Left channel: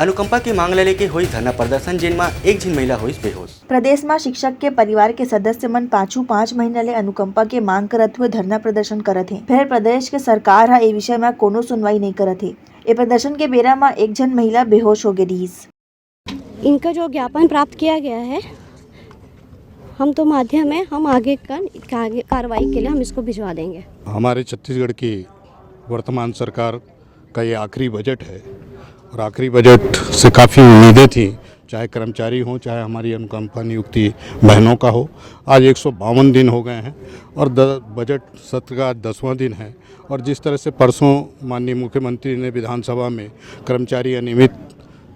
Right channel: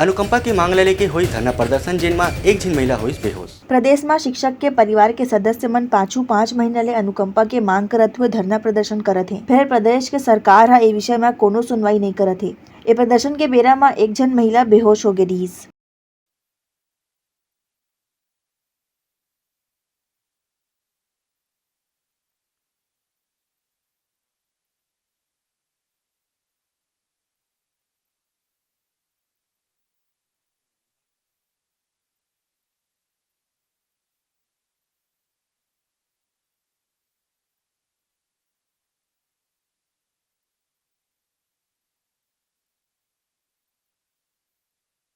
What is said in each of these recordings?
अनुकंपा की मांग ले लेके हुई धरना प्रदर्शन जेनमा एक झीन महिला हुई बेहोश। प्रदेश में शिक्षक के परिवार के सदस्य मन पाछू 5 महीना ले अनुकंपा के मांग करत हुए धरना प्रदर्शन करत है। फिर प्रदेश के सरकार ए विषय में कोनो सुनवाई नहीं करत है। ये प्रदर्शन के बेरा में एक जन महिला बेहोश हो गई। इनका जो ज्ञापन प्राप्त किया गया है, हम तो माध्यम है, हम आगे कार्रवाई के लिए हम इसको भिजवा देंगे। हमारे छत्तीसगढ़ की वर्तमान सरकार का ये आखिरी बजट है और आखिरी बजट से काफ़ी उम्मीदें थी, चाहे कर्मचारी हों, चाहे हमारी अनुकंपा नियुक्ति बहनों का हो। आज 152 दिन हो गए हैं और बजट सत्र का 10वां दिन है। और जिस तरह से परसों माननीय मुख्यमंत्री ने विधानसभा में कर्मचारी अनियमित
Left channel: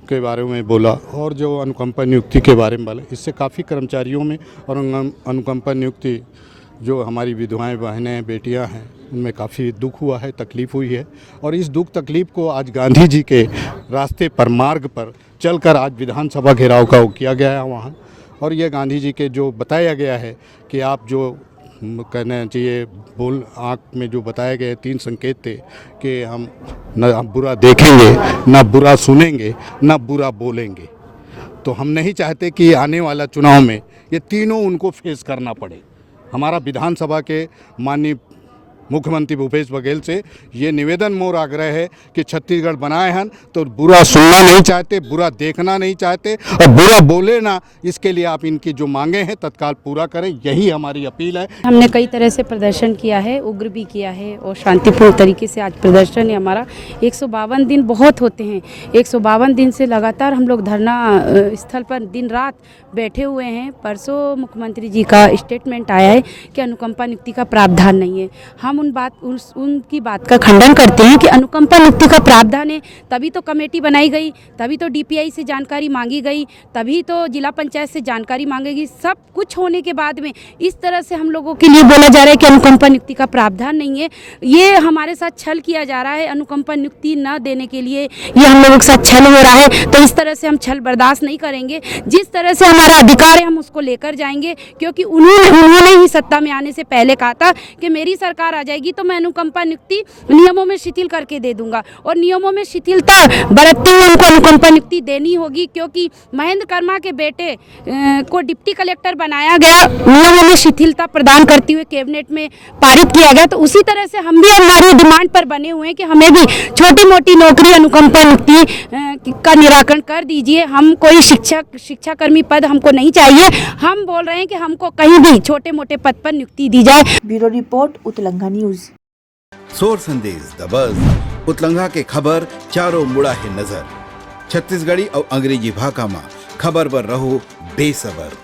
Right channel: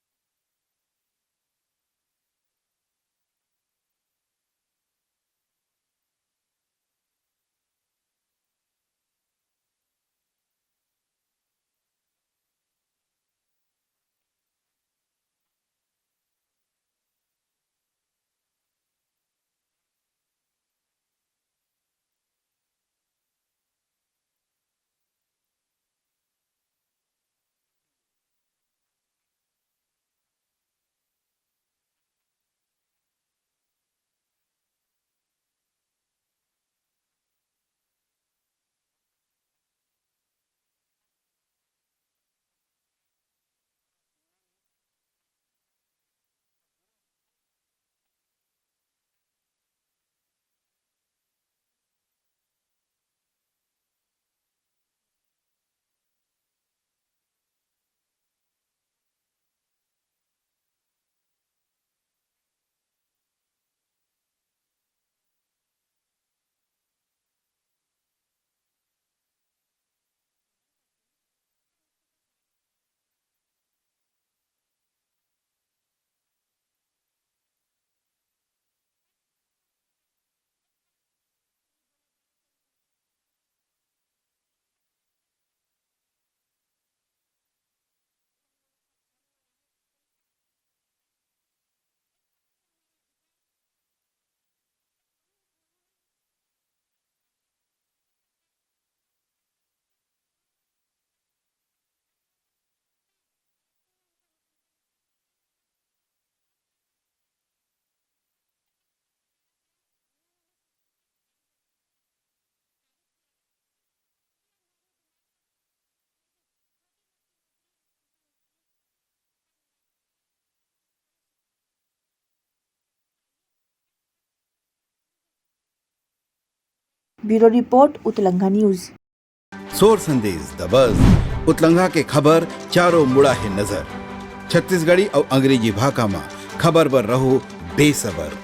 के बारे में बोला और जो अनुकंपा नियुक्ति के बारे में बोला, इससे काफ़ी कर्मचारियों में और अनुकंपा नियुक्ति जो हमारी विधवाएं, बहनें, बेटियां हैं, उनमें काफ़ी दुख हुआ है, तकलीफ़ हुई है। और इस दुख तकलीफ़ को आज गांधी जी के रास्ते पर, मार्ग पर चलकर आज विधानसभा घेराव का किया गया है वहाँ। और ये गांधी जी के जो बताया गया है कि आप जो कहना चाहिए बोल आँख में जो बताए गए 3 संकेत थे कि हम न बुरा देखेंगे, न बुरा सुनेंगे, न बुरा बोलेंगे। तो हम नहीं चाहते कि आने वाला चुनाव में ये तीनों उनको फेस करना पड़े। हमारा विधानसभा के माननीय मुख्यमंत्री भूपेश बघेल से ये निवेदन मोर आग्रह है कि छत्तीसगढ़ बनाए हैं तो बुरा सुनना नहीं चाहते, बुरा देखना नहीं चाहते और बुरा बोले ना, इसके लिए आप इनकी जो मांगे हैं तत्काल पूरा करें, यही हमारी अपील है। हमने कई तरह से प्रदर्शन किया है, उग्र भी किया है और शांतिपूर्ण तरीके से आज प्रदर्शन है हमारा। 152 दिन बहुत होते हैं। 152 दिन से लगातार हम लोग धरना स्थल पर दिन रात बैठे हुए हैं। परसों मुख्यमंत्री जी का स्टेटमेंट आया है कि अनुकंपा नियुक्ति का प्रावधान नहीं है। हम उनकी बात का खंडन करते हैं कि अनुकंपा नियुक्ति का प्रावधान है, तभी तो कमेटी बनाई गई, तभी तो डीपीआई से जानकारी मांगी गई, तभी तो जिला पंचायत से जानकारी मांगेगी। सब कुछ होने के बाद में इस तरह से हम लोगों के लिए बोला जा रहा है कि अनुकंपा नियुक्ति का प्रावधान नहीं है। ये हमारे साथ छल किया जा रहा है। अनुकंपा नियुक्ति न देने के लिए ये हम लोगों के साथ छल हो रहा है। तो इस तरह से हम छल बर्दाश्त नहीं करेंगे। जिस तरह से हमारा अधिकार है हम उसको लेकर जाएंगे, क्योंकि उन्होंने ही सत्ता में आने से पहले कहा था कि मेरी सरकार आ जाएगी तो मैं अनुकंपा नियुक्ति नियमों में शिथिल करके दे दूंगा। और नियमों में शिथिलता बरतते हुए उनको अनुकंपा नियुक्ति देनी होगी, क्योंकि महेंद्र कर्मा के बेटे को डिप्टी कलेक्टर बनाया गया, नियमों में शिथिलता प्रदान करते हुए कैबिनेट में पारित किया गया। तो उसी तरह से हम भी हमारी डिमांड पर बने हुए हैं कि हमें भी छोटी मोटी नौकरी अनुकंपा नियुक्ति का निराकरण कर दीजिए। हम कोई शिक्षाकर्मी पद हमको नहीं चाहिए। हम बोल रहे हैं कि हमको कहीं भी छोटे मोटे पद पर नियुक्ति दी जाए। ब्यूरो रिपोर्ट उतलंगा न्यूज। सोर संदेश द बज़ उतलंगा के खबर चारों मुड़ा है नजर। छत्तीसगढ़ी और अंग्रेजी भाषा में खबर बर रहो बेसबर।